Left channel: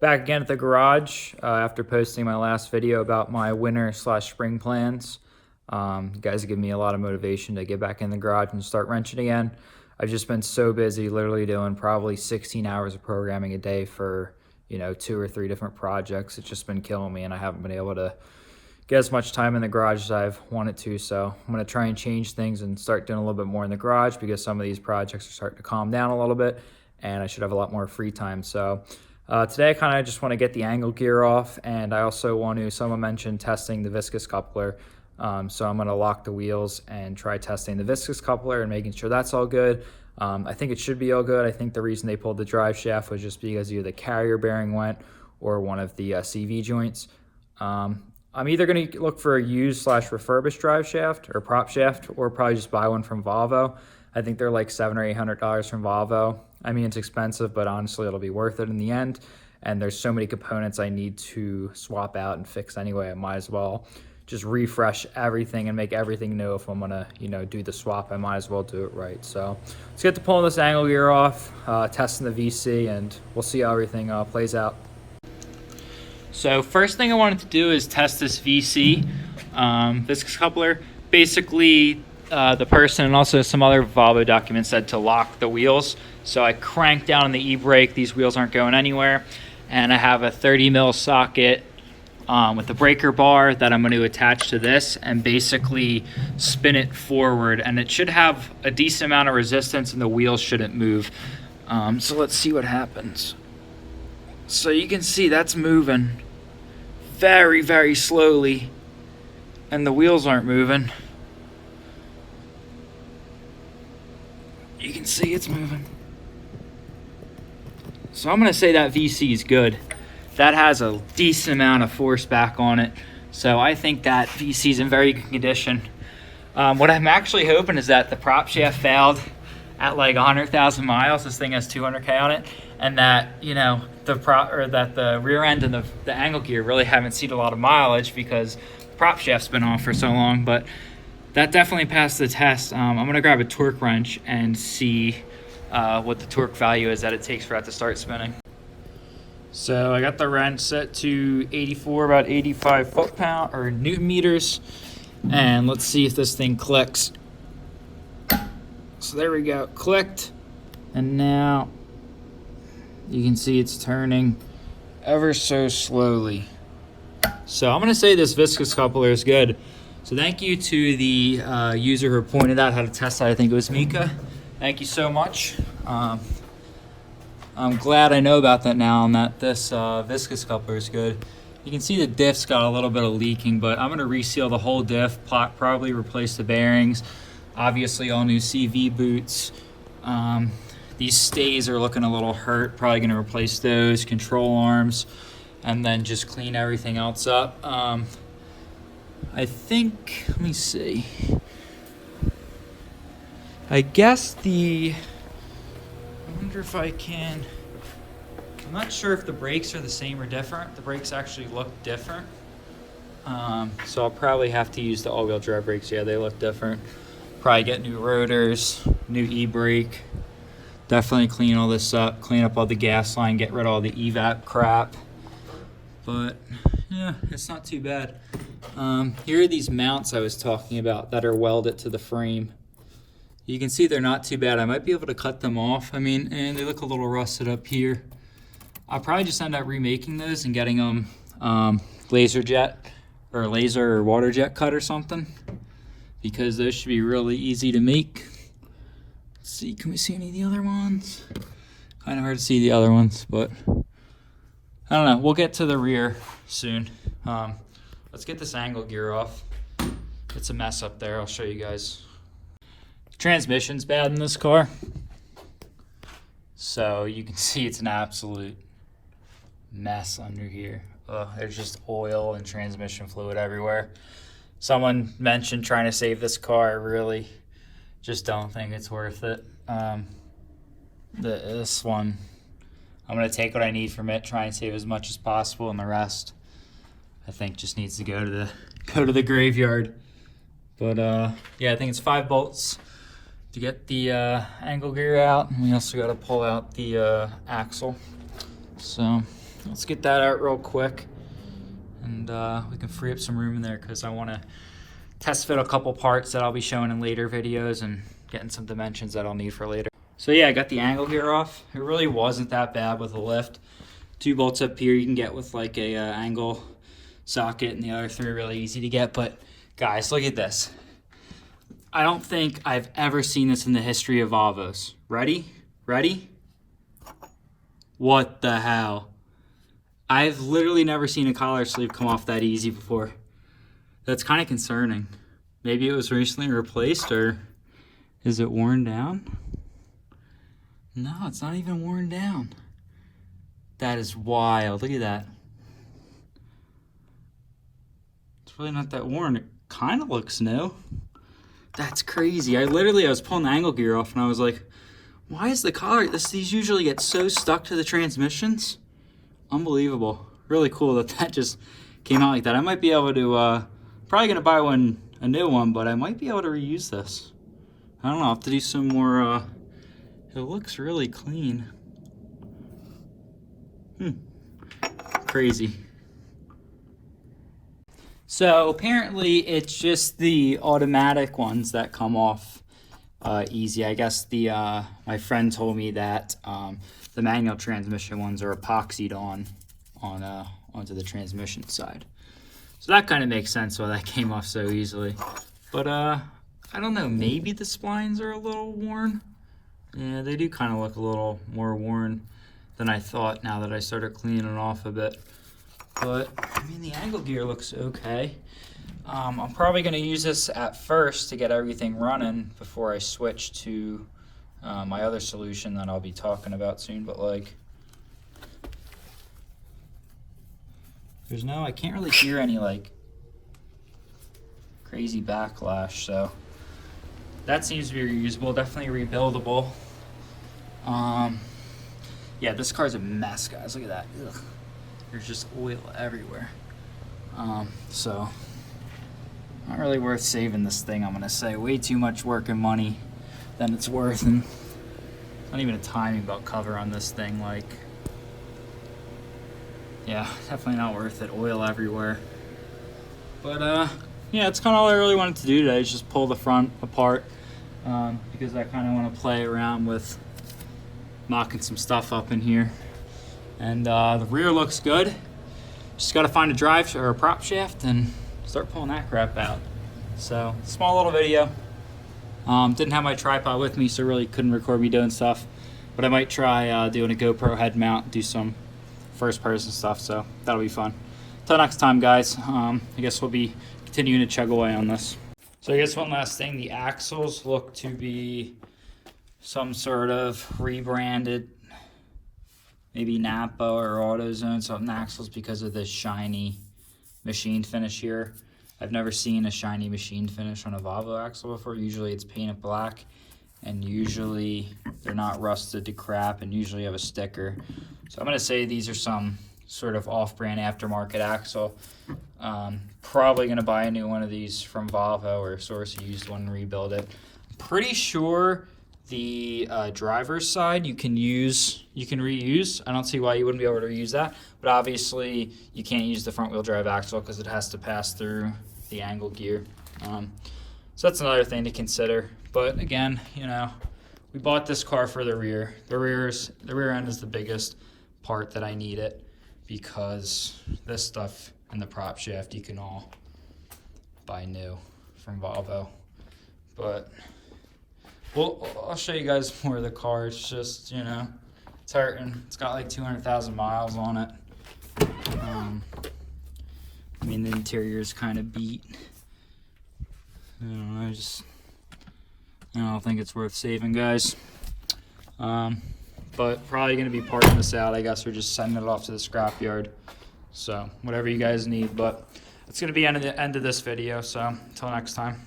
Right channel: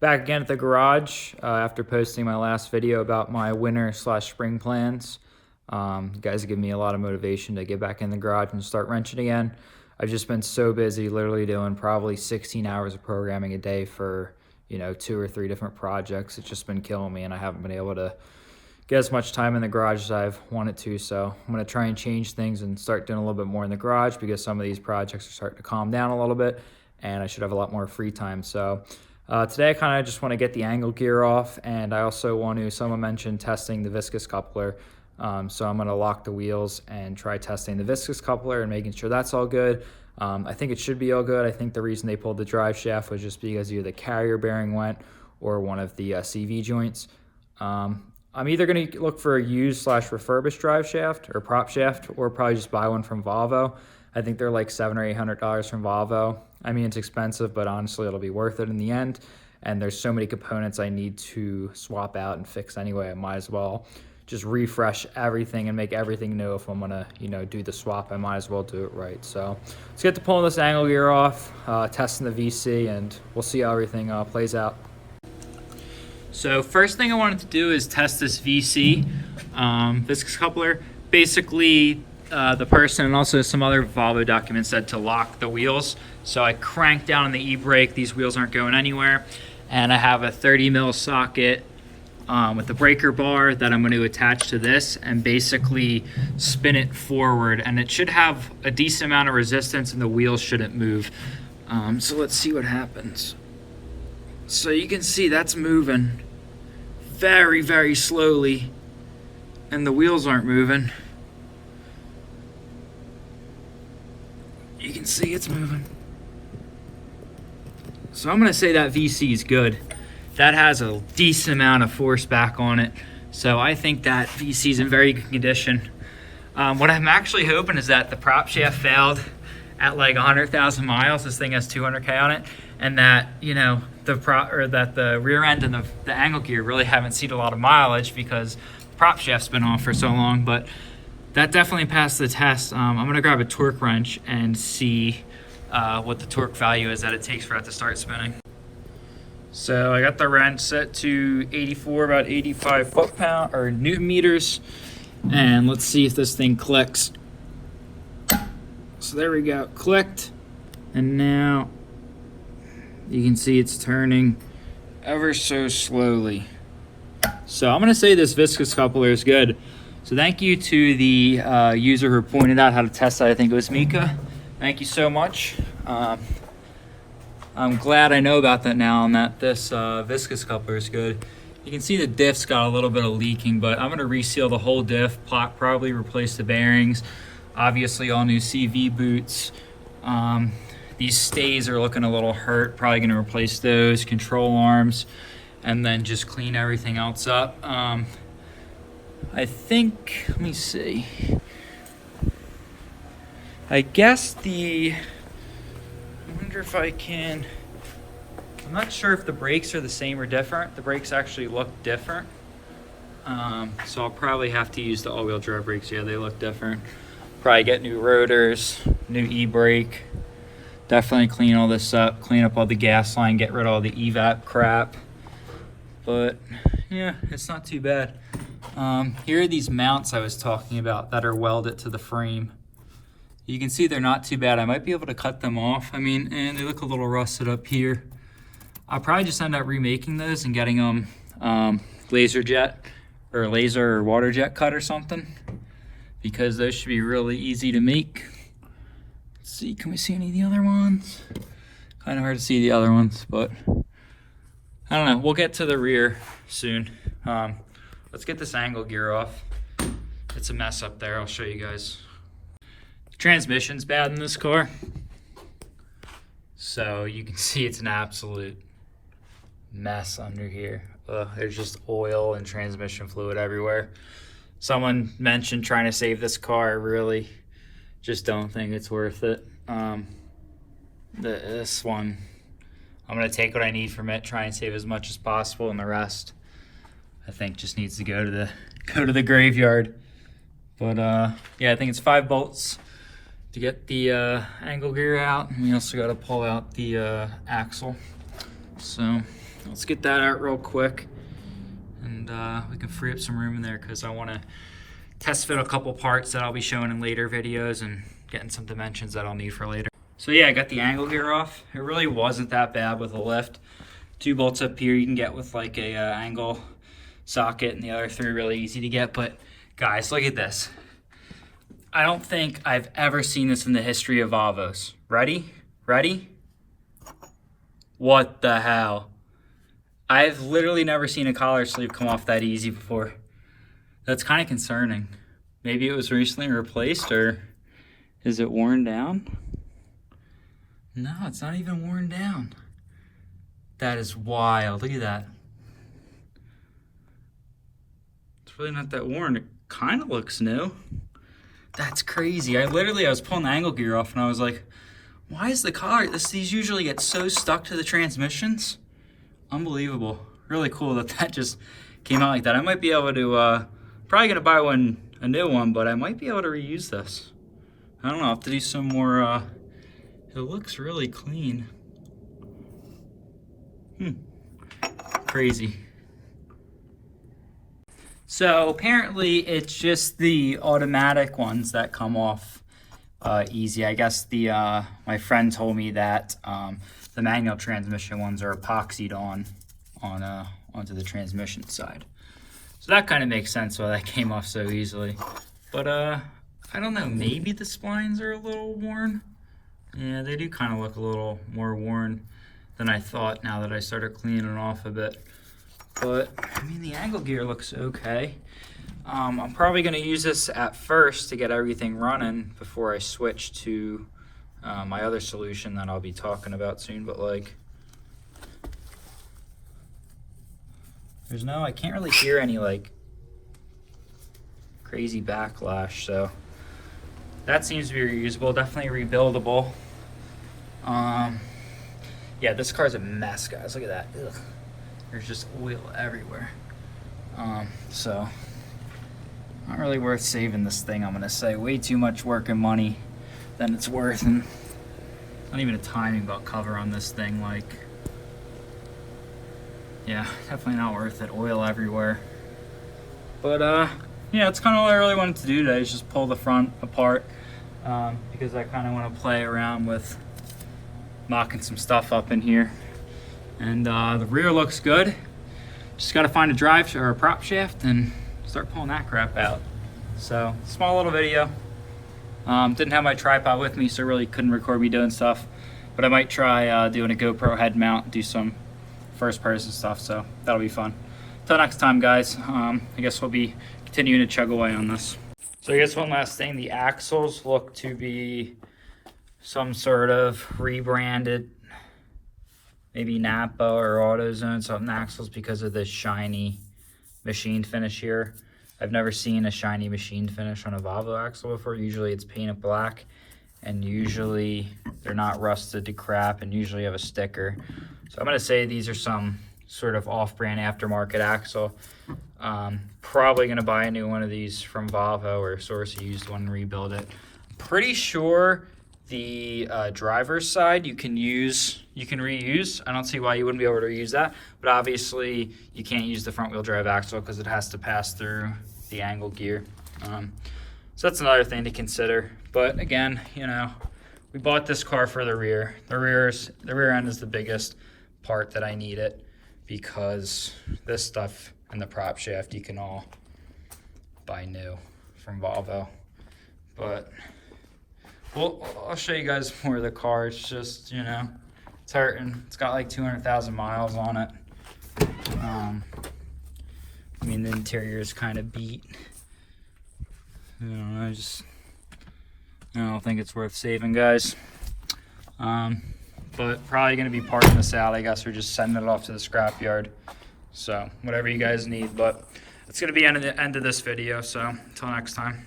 Back again at the garage after posting my last video about my winter/spring plans. You guys have given me a lot of motivation to get back in the garage and start wrenching again. I've just been so busy, literally doing probably 16 hours of programming a day for 2 or 3 different projects. It's just been killing me, and I haven't been able to get as much time in the garage as I've wanted to. So I'm going to try and change things and start doing a little bit more in the garage, because some of these projects are starting to calm down a little bit and I should have a lot more free time. So today I kind of just want to get the angle gear off, and I also want to, someone mentioned testing the Viscous coupler. So I'm going to lock the wheels and try testing the Viscous coupler and making sure that's all good. I think it should be all good. I think the reason they pulled the drive shaft was just because either the carrier bearing went or one of the CV joints. I'm either going to look for a used/refurbished drive shaft or prop shaft, or probably just buy one from Volvo. I think they're like $700 or $800 from Volvo. I mean, it's expensive, but honestly, it'll be worth it in the end. And there's so many components I need to swap out and fix anyway. I might as well just refresh everything and make everything new. If I'm gonna, do the swap, I might as well do it right. So let's get to pulling this angle gear off, testing the VC, and we'll see how everything plays out. So first thing I wanted to do is test this VC, Viscous coupler. Basically, the person and also some other Volvo documents said to lock the wheels. So I cranked down on the e-brake. These wheels aren't going anywhere. And I have a 30 mil socket with the breaker bar that I'm going to attach to this and basically spin it forward. And it should have a decent amount of resistance and the wheels shouldn't move. So let's see what happens. So you can see that's moving very, very slowly, and the wheels aren't moving. You can see it's moving. So I'm gonna say that VC is good. That has a decent amount of force back on it. So I think that VC is in very good condition. What I'm actually hoping is that the prop shaft failed at like 100,000 miles. This thing has 200K on it. And that, that the rear end and the angle gear really haven't seen a lot of mileage because the prop shaft's been on for so long. But that definitely passed the test. I'm gonna grab a torque wrench and see what the torque value is that it takes for it to start spinning. So I got the wrench set to 84, about 85 foot-pound or Newton meters. And let's see if this thing clicks. So there we go, clicked. And now you can see it's turning ever so slowly. So I'm gonna say this Viscous coupler is good. So thank you to the user who pointed out how to test that. I think it was Mika. Thank you so much. I'm glad I know about that now, and that this Viscous coupler is good. You can see the diff's got a little bit of leaking, but I'm gonna reseal the whole diff, probably replace the bearings. Obviously all new CV boots. These stays are looking a little hurt, probably gonna replace those, control arms, and then just clean everything else up. I think, let me see. I guess I wonder if I can, I'm not sure if the brakes are the same or different. The brakes actually look different. So I'll probably have to use the all-wheel drive brakes. Yeah, they look different. Probably get new rotors, new e-brake. Definitely clean all this up, clean up all the gas line, get rid of all the evap crap. But yeah, it's not too bad. Here are these mounts I was talking about that are welded to the frame. You can see they're not too bad. I might be able to cut them off. I mean, and they look a little rusted up here. I'll probably just end up remaking those and getting them laser or water jet cut or something, because those should be really easy to make. Let's see, can we see any of the other ones? Kind of hard to see the other ones, but I don't know. We'll get to the rear soon. Let's get this angle gear off. It's a mess up there. I'll show you guys. Transmission's bad in this car. So you can see it's an absolute mess under here. There's just oil and transmission fluid everywhere. Someone mentioned trying to save this car. I really just don't think it's worth it. This one, I'm gonna take what I need from it, try and save as much as possible, and the rest I think just needs to go to the graveyard. But yeah, I think it's 5 bolts to get the angle gear out, and we also got to pull out the axle. So let's get that out real quick. And we can free up some room in there because I want to test fit a couple parts that I'll be showing in later videos and getting some dimensions that I'll need for later. So yeah, I got the angle gear off. It really wasn't that bad with a lift. 2 bolts up here you can get with like a angle socket, and the other 3 are really easy to get. But guys, look at this. I don't think I've ever seen this in the history of Volvos. Ready? Ready? What the hell? I've literally never seen a collar sleeve come off that easy before. That's kind of concerning. Maybe it was recently replaced, or is it worn down? No, it's not even worn down. That is wild. Look at that. It's really not that worn. It kind of looks new. That's crazy. I was pulling the angle gear off and I was like, why is the collar, these usually get so stuck to the transmissions? Unbelievable. Really cool that just came out like that. I might be able to, probably gonna buy a new one, but I might be able to reuse this. I don't know, I'll have to do some more, it looks really clean. Crazy. So apparently it's just the automatic ones that come off easy. I guess my friend told me that the manual transmission ones are epoxied onto the transmission side. So that kind of makes sense why that came off so easily. But I don't know, maybe the splines are a little worn. Yeah, they do kind of look a little more worn than I thought now that I started cleaning it off a bit. But I mean, the angle gear looks okay. I'm probably going to use this at first to get everything running before I switch to my other solution that I'll be talking about soon. But like, I can't really hear any like crazy backlash, so that seems to be reusable, definitely rebuildable. Yeah, this car's a mess, guys. Look at that. Ugh. There's just oil everywhere. So not really worth saving this thing, I'm gonna say. Way too much work and money than it's worth, and not even a timing belt cover on this thing. Like, yeah, definitely not worth it. Oil everywhere. But yeah, that's kind of all I really wanted to do today, is just pull the front apart, because I kind of want to play around with mocking some stuff up in here. And the rear looks good. Just got to find a drive or a prop shaft and start pulling that crap out. So, small little video. Didn't have my tripod with me, so really couldn't record me doing stuff. But I might try doing a GoPro head mount, do some first person stuff, so that'll be fun. Till next time, guys. I guess we'll be continuing to chug away on this. So I guess one last thing, the axles look to be some sort of rebranded, maybe Napa or AutoZone, something axles, because of this shiny machine finish here. I've never seen a shiny machine finish on a Volvo axle before. Usually it's painted black, and usually they're not rusted to crap, and usually have a sticker. So I'm gonna say these are some sort of off-brand aftermarket axle. Probably gonna buy a new one of these from Volvo or source a used one and rebuild it. Pretty sure the driver's side you can reuse. I don't see why you wouldn't be able to reuse that, but obviously you can't use the front wheel drive axle because it has to pass through the angle gear. So that's another thing to consider. But again, you know, we bought this car for the rear. The rear end is the biggest part that I need it, because this stuff and the prop shaft you can all buy new from Volvo. But well, I'll show you guys more of the car. It's just, you know, it's hurting. It's got like 200,000 miles on it. I mean, the interior is kind of beat. I don't know, I don't think it's worth saving, guys. But probably gonna be parting this out, I guess, or just sending it off to the scrapyard. So whatever you guys need, but it's gonna be the end of this video. So until next time.